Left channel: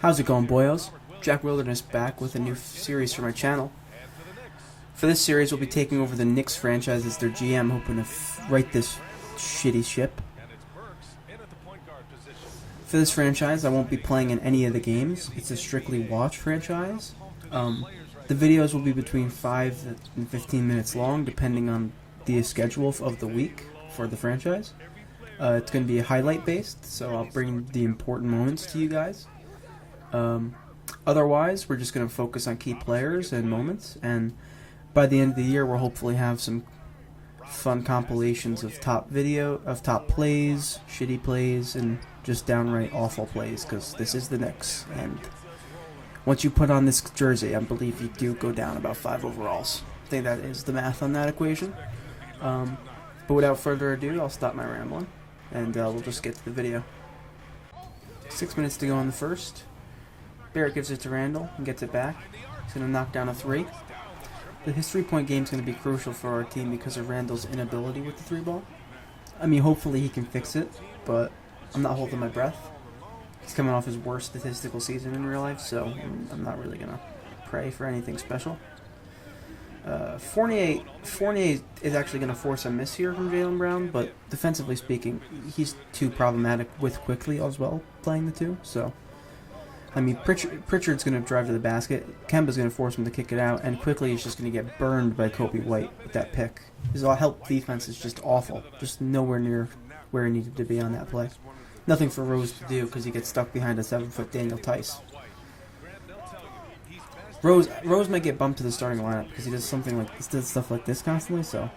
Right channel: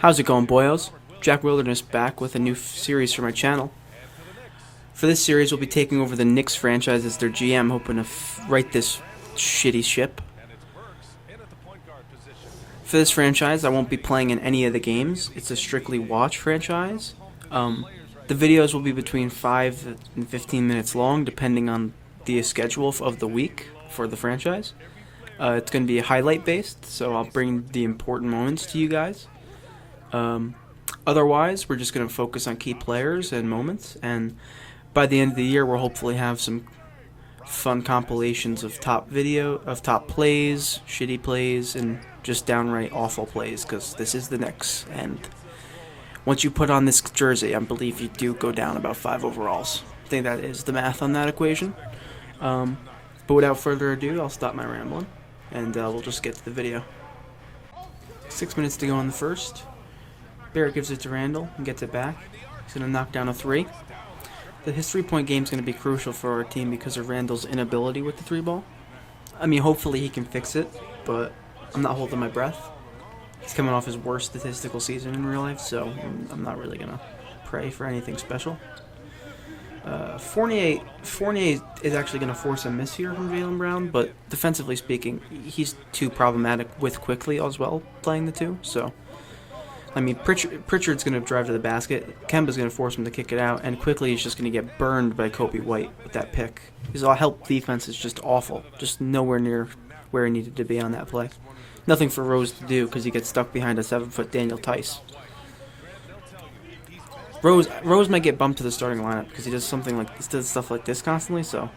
How's it going, boyos? Jack Wilderness back with a new series for my channel. For this series, we'll be taking over the Knicks franchise as their GM, hoping to right this shitty ship. For this franchise, I won't be playing in any of the games. It's a strictly watch franchise. The videos will be between 5 and 15 minutes long, depending on the schedule of the week for the franchise. It's going to be highlight based, so I'll bring the important moments to you guys. Otherwise, we're just going to focus on key players and moments, and by the end of the year, we'll hopefully have some fun compilations of top plays, shitty plays, and just downright awful plays, because this is the Knicks, and once you put on this jersey, I believe you do go down about 5 overalls. I think that is the math on that equation. But without further ado, I'll stop my rambling, and we'll just get to the video. 6 minutes to go in the first. Barrett gives it to Randall and gets it back. He's going to knock down a 3. His 3-point game is going to be crucial for our team because of Randall's inability with the 3-ball. I mean, hopefully he can fix it, but I'm not holding my breath. He's coming off his worst statistical season in real life, so I'm not really going to pray for anything special. Fournier is actually going to force a miss here from Jaylen Brown, but defensively speaking, he's too problematic with Quickly as well, playing the 2, so I mean, Pritchard's going to drive to the basket, Kemba's going to force him to kick it out, and Quickly is just going to get burned by Kobe White with that pick. His help defense is just awful, just nowhere near where he needed to be on that play. Nothing for Rose to do because he gets stuck behind a 7-foot Daniel Tice. Rose might get bumped to the starting lineup because he does stuff like this constantly, so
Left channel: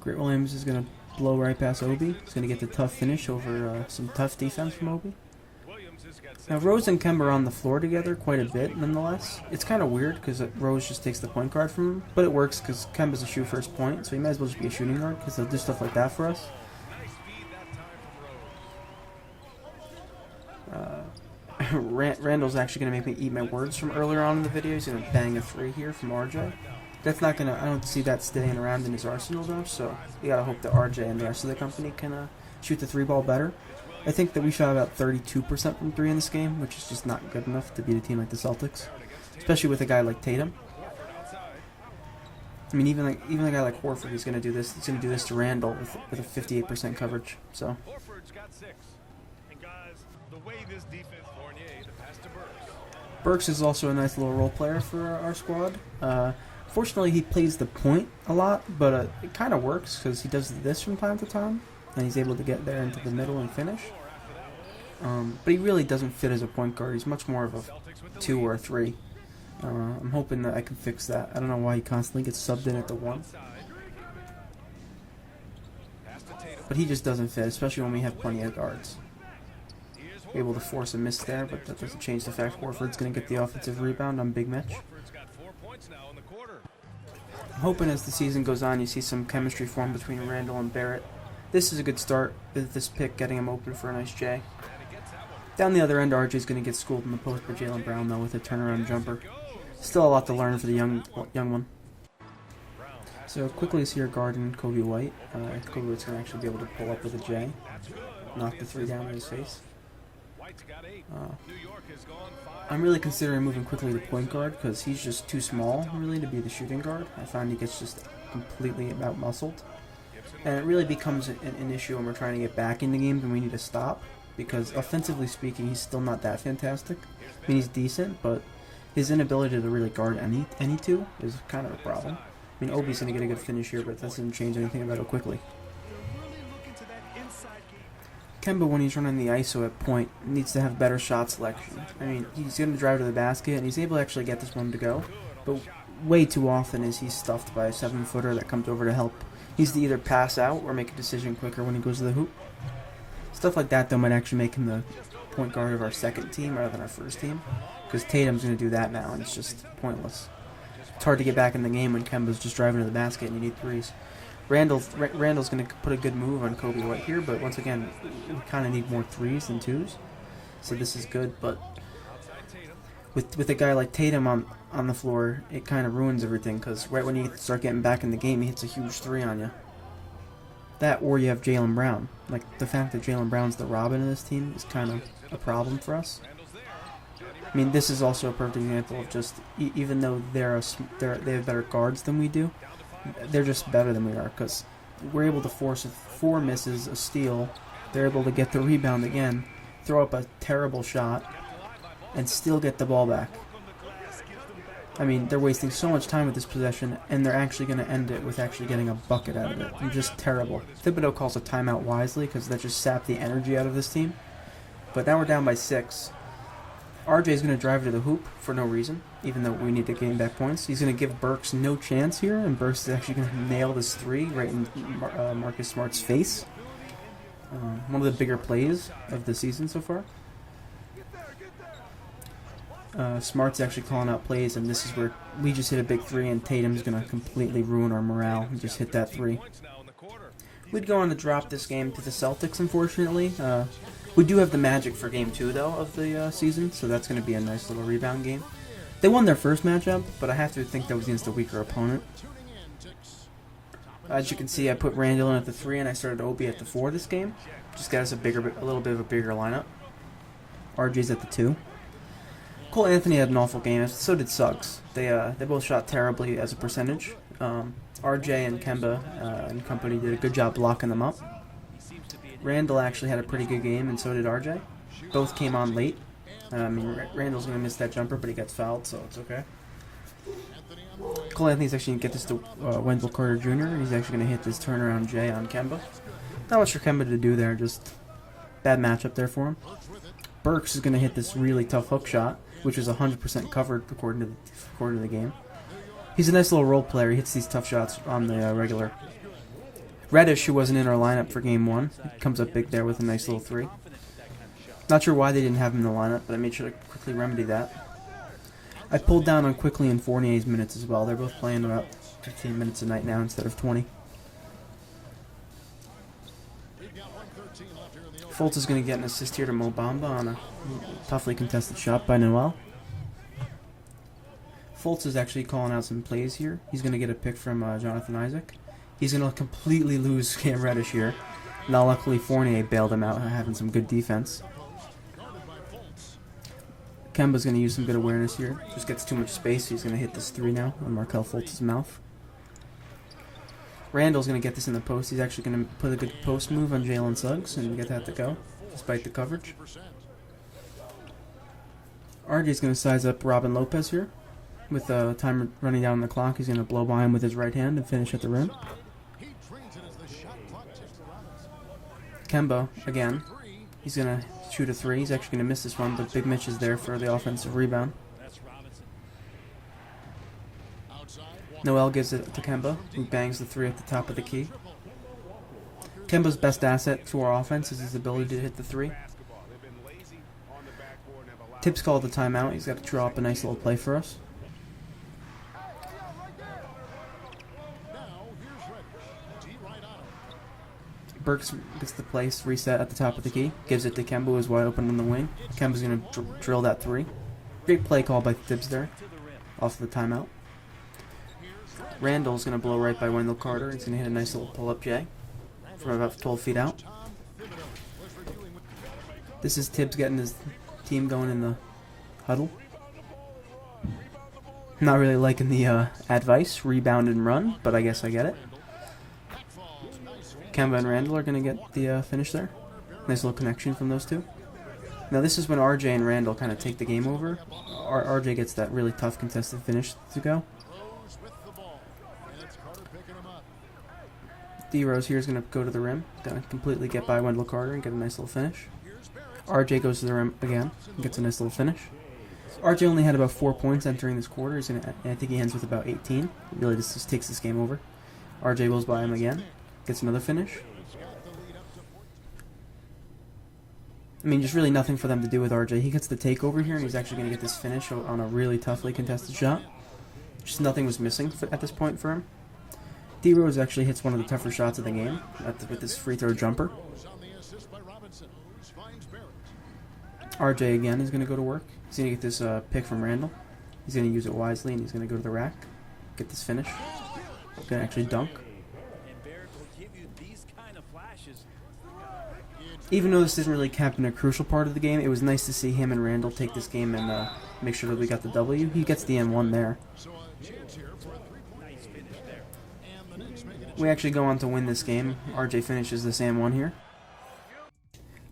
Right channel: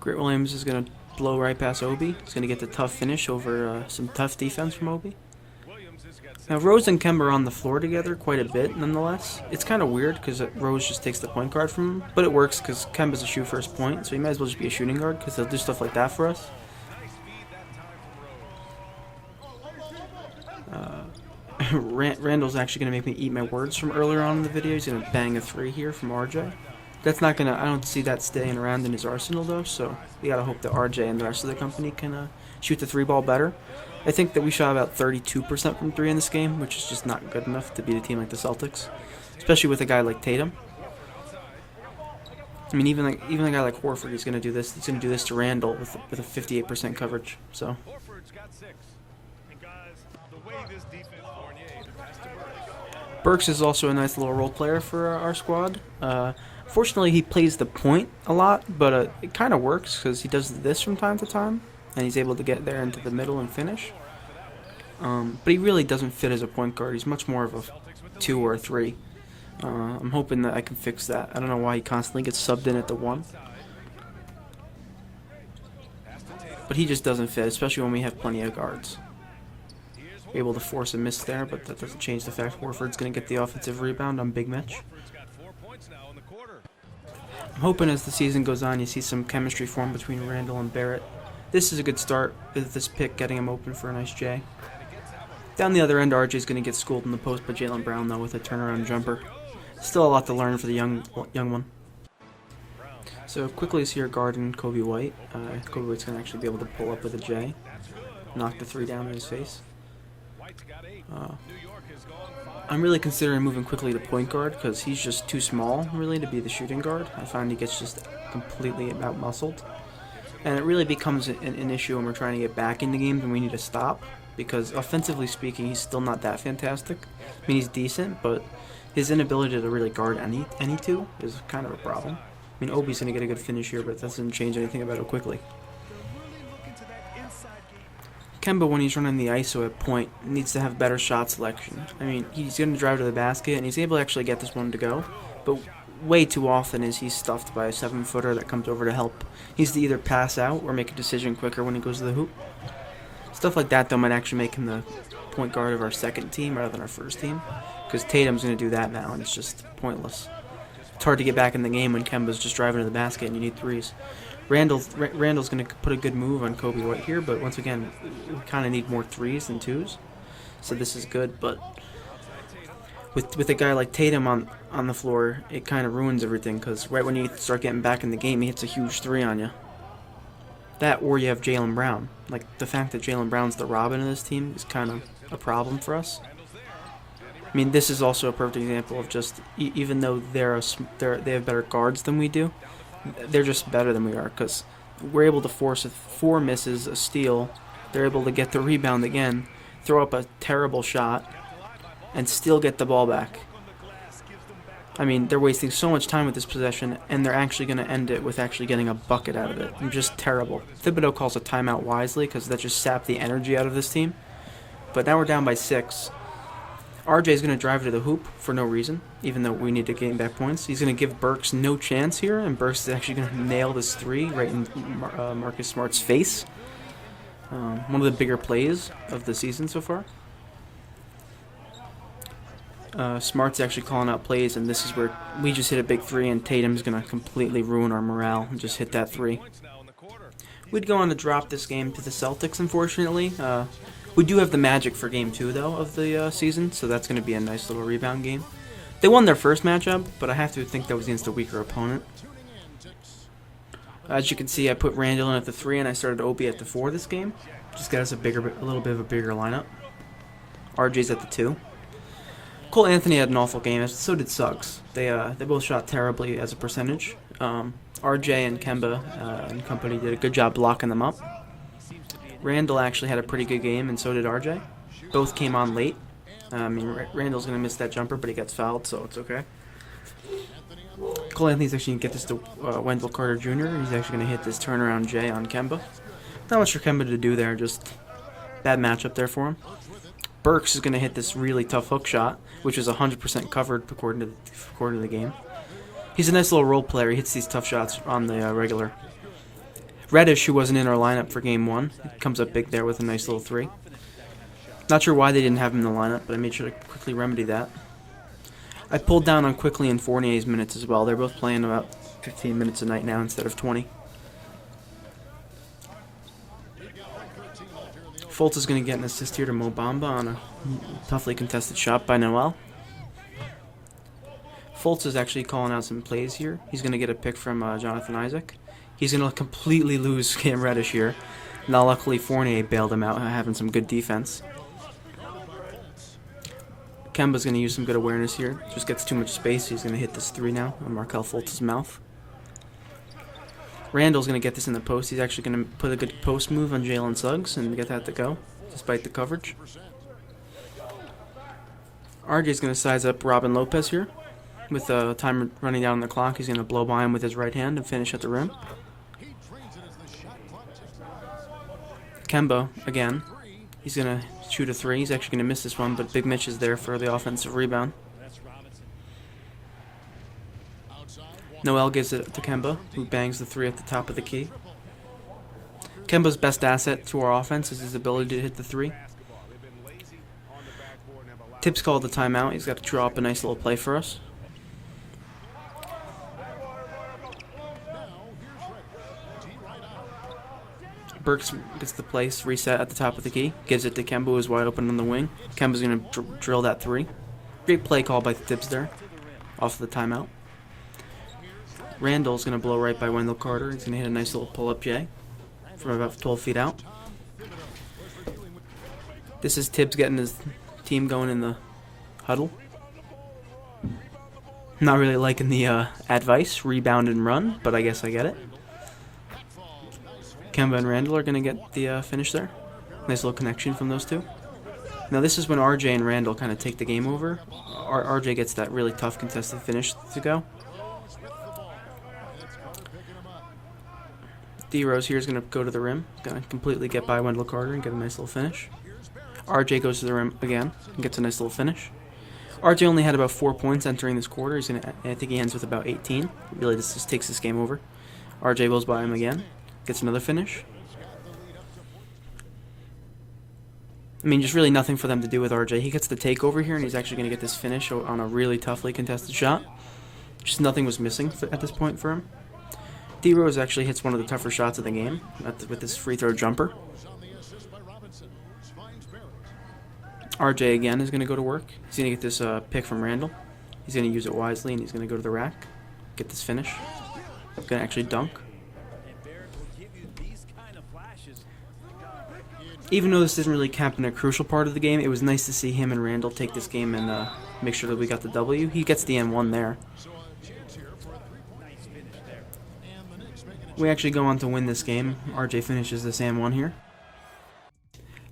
Grant Williams is going to blow right past Obi. He's going to get the tough finish over some tough defense from Obi. Now, Rose and Kemba are on the floor together quite a bit, nonetheless. It's kind of weird because Rose just takes the point guard from him, but it works because Kemba's a shoot first point, so he might as well just be a shooting guard because he'll do stuff like that for us. Randall's actually going to make me eat my words from earlier on in the video. He's going to bang a 3 here from RJ. That's not going to, I don't see that staying around in his arsenal though, so we got to hope that RJ and the rest of the company can shoot the 3-ball better. I think that we shot about 32% from 3 in this game, which is just not good enough to beat a team like the Celtics, especially with a guy like Tatum. I mean, even a guy like Horford, he's going to do this. He's going to do this to Randall with a 58% coverage. So. Burks is also a nice little role player for our squad. Fortunately, he plays the point a lot, but it kind of works because he does this from time to time, and he's able to get there into the middle and finish. But he really doesn't fit as a point guard. He's much more of a 2 or a 3. I'm hoping that I can fix that. I don't know why he constantly gets subbed in at the 1. But he just doesn't fit, especially when we have plenty of guards. Able to force a miss there, but that doesn't change the fact Horford's going to get the offensive rebound on Big Mitch. I'm hoping as the season goes on you see some chemistry form between Randall and Barrett. This is a good start with this pick getting him open for a nice J. Down the other end, RJ's going to get schooled in the post by Jaylen Brown though with a turnaround jumper. Still a lot to learn for the young one. So Quickly is here guarding Kobe White. Kobe White's going to actually be able to pull up with a J. Knock the 3 down in his face. I'm really considering moving Quickly to point guard because he's just too small really to be the shooting guard. I find he gets just completely out-muscled. And it really becomes an issue when we're trying to get back into games and we need to stop. Because offensively speaking, he's still not that fantastic. I mean, he's decent, but his inability to really guard any 2 is kind of a problem. I mean, Obi's going to get a good finish here, but that doesn't change anything about it quickly. Kemba, when he's running the ISO at point, needs to have better shot selection. I mean, he's going to drive to the basket, and he's able to actually get this one to go. But way too often is he stuffed by a 7-footer that comes over to help. He needs to either pass out or make a decision quicker when he goes to the hoop. Stuff like that, though, might actually make him the point guard of our second team rather than our first team. Because Tatum's going to do that now, and it's just pointless. It's hard to get back in the game when Kemba's just driving to the basket and you need 3s. Randall's going to put a good move on Kobe White here, but once again, we kind of need more 3s than 2s. So this is good, but with a guy like Tatum on the floor, it kind of ruins everything because right when you start getting back in the game, he hits a huge 3 on you. That, or you have Jaylen Brown. Like, the fact that Jaylen Brown's the Robin of this team is kind of a problem for us. I mean, this is also a perfect example of just, even though they have better guards than we do, they're just better than we are, because we're able to force 4 misses, a steal. They're able to get the rebound again, throw up a terrible shot, and still get the ball back. I mean, they're wasting so much time with this possession, and they're actually going to end it with actually getting a bucket out of it. They're just terrible. Thibodeau calls a timeout wisely, because that just sapped the energy out of this team. But now we're down by 6. RJ is going to drive to the hoop for no reason, even though we need to gain back points. He's going to give Burks no chance here, and Burks is actually going to nail this 3 right in Marcus Smart's face. One of the bigger plays of the season so far. Smart's actually calling out plays, and this is where we just hit a big 3, and Tatum's going to completely ruin our morale and just hit that 3. We'd go on to drop this game to the Celtics, unfortunately. We do have the Magic for Game 2, though, of the season, so that's going to be a nice little rebound game. They won their first matchup, but I have to think that was against a weaker opponent. As you can see, I put Randall in at the 3, and I started Obi at the 4 this game. Just got us a little bit of a bigger lineup. RJ's at the 2. Cole Anthony had an awful game, so did Suggs. They both shot terribly as a percentage. RJ and Kemba and company did a good job blocking them up. Randall actually had a pretty good game, and so did RJ. Both came on late. I mean, Randall's going to miss that jumper, but he gets fouled, so it's okay. Cole Anthony's actually going to get this to Wendell Carter Jr., and he's actually going to hit this turnaround J on Kemba. Not much for Kemba to do there, just bad matchup there for him. Burks is going to hit this really tough hook shot, which is 100% covered according to the game. He's a nice little role player. He hits these tough shots on the regular. Reddish, who wasn't in our lineup for Game 1, comes up big there with a nice little 3. Not sure why they didn't have him in the lineup, but I made sure to quickly remedy that. I pulled down on Quickly and Fournier's minutes as well. They're both playing about 15 minutes a night now instead of 20. Fultz is going to get an assist here to Mo Bamba on a toughly contested shot by Noel. Fultz is actually calling out some plays here. He's going to get a pick from Jonathan Isaac. He's going to completely lose Cam Reddish here. Now, luckily, Fournier bailed him out, having some good defense. Kemba's going to use some good awareness here. Just gets too much space. He's going to hit this 3 now on Markelle Fultz's mouth. Randall's going to get this in the post. He's actually going to put a good post move on Jalen Suggs and get that to go, despite the coverage. RJ's going to size up Robin Lopez here. With time running down on the clock, he's going to blow by him with his right hand and finish at the rim. Kemba, again, he's going to shoot a 3. He's actually going to miss this one, but Big Mitch is there for the offensive rebound. Noel gives it to Kemba, who bangs the 3 at the top of the key. Kemba's best asset to our offense is his ability to hit the 3. Tips called the timeout. He's got to draw up a nice little play for us. Burks gets the place reset at the top of the key. Gives it to Kemba, who's wide open on the wing. Kemba's going to drill that 3. Great play call by Tibbs there. Off the timeout. Randall's going to blow right by Wendell Carter. He's going to hit a nice little pull-up J from about 12 feet out. This is Tibbs getting his team going in the huddle. Not really liking the advice, rebound and run, but I guess I get it. Kemba and Randall are going to get the finish there. Nice little connection from those two. Now this is when RJ and Randall kind of take the game over. RJ gets that really tough contested finish to go. D-Rose here is going to go to the rim. Going to completely get by Wendell Carter and get a nice little finish. RJ goes to the rim again and gets a nice little finish. RJ only had about 4 points entering this quarter. I think he ends with about 18. Really, this just takes this game over. RJ goes by him again. Gets another finish. I mean, just really nothing for them to do with RJ. He gets the takeover here, and he's actually going to get this finish on a really toughly contested shot. Just nothing was missing at this point for him. D-Rose actually hits one of the tougher shots of the game with this free throw jumper. RJ again is going to go to work. He's going to get this pick from Randall. He's going to use it wisely, and he's going to go to the rack. Get this finish. He's going to actually dunk. even though this didn't really count in a crucial part of the game, it was nice to see him and Randall take this game and make sure that we got the W. He gets the N1 there. We actually go on to win this game. RJ finishes this N1 here.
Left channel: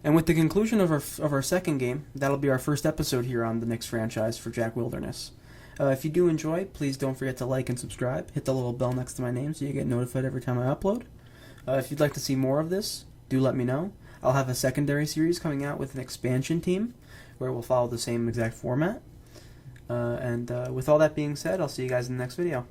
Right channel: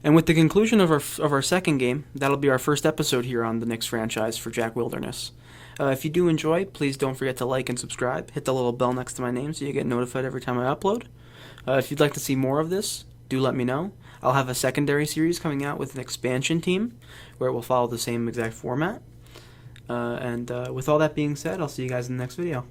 And with the conclusion of our second game, that'll be our first episode here on the Knicks franchise for Jack Wilderness. If you do enjoy, please don't forget to like and subscribe. Hit the little bell next to my name so you get notified every time I upload. If you'd like to see more of this, do let me know. I'll have a secondary series coming out with an expansion team where it will follow the same exact format. And with all that being said, I'll see you guys in the next video.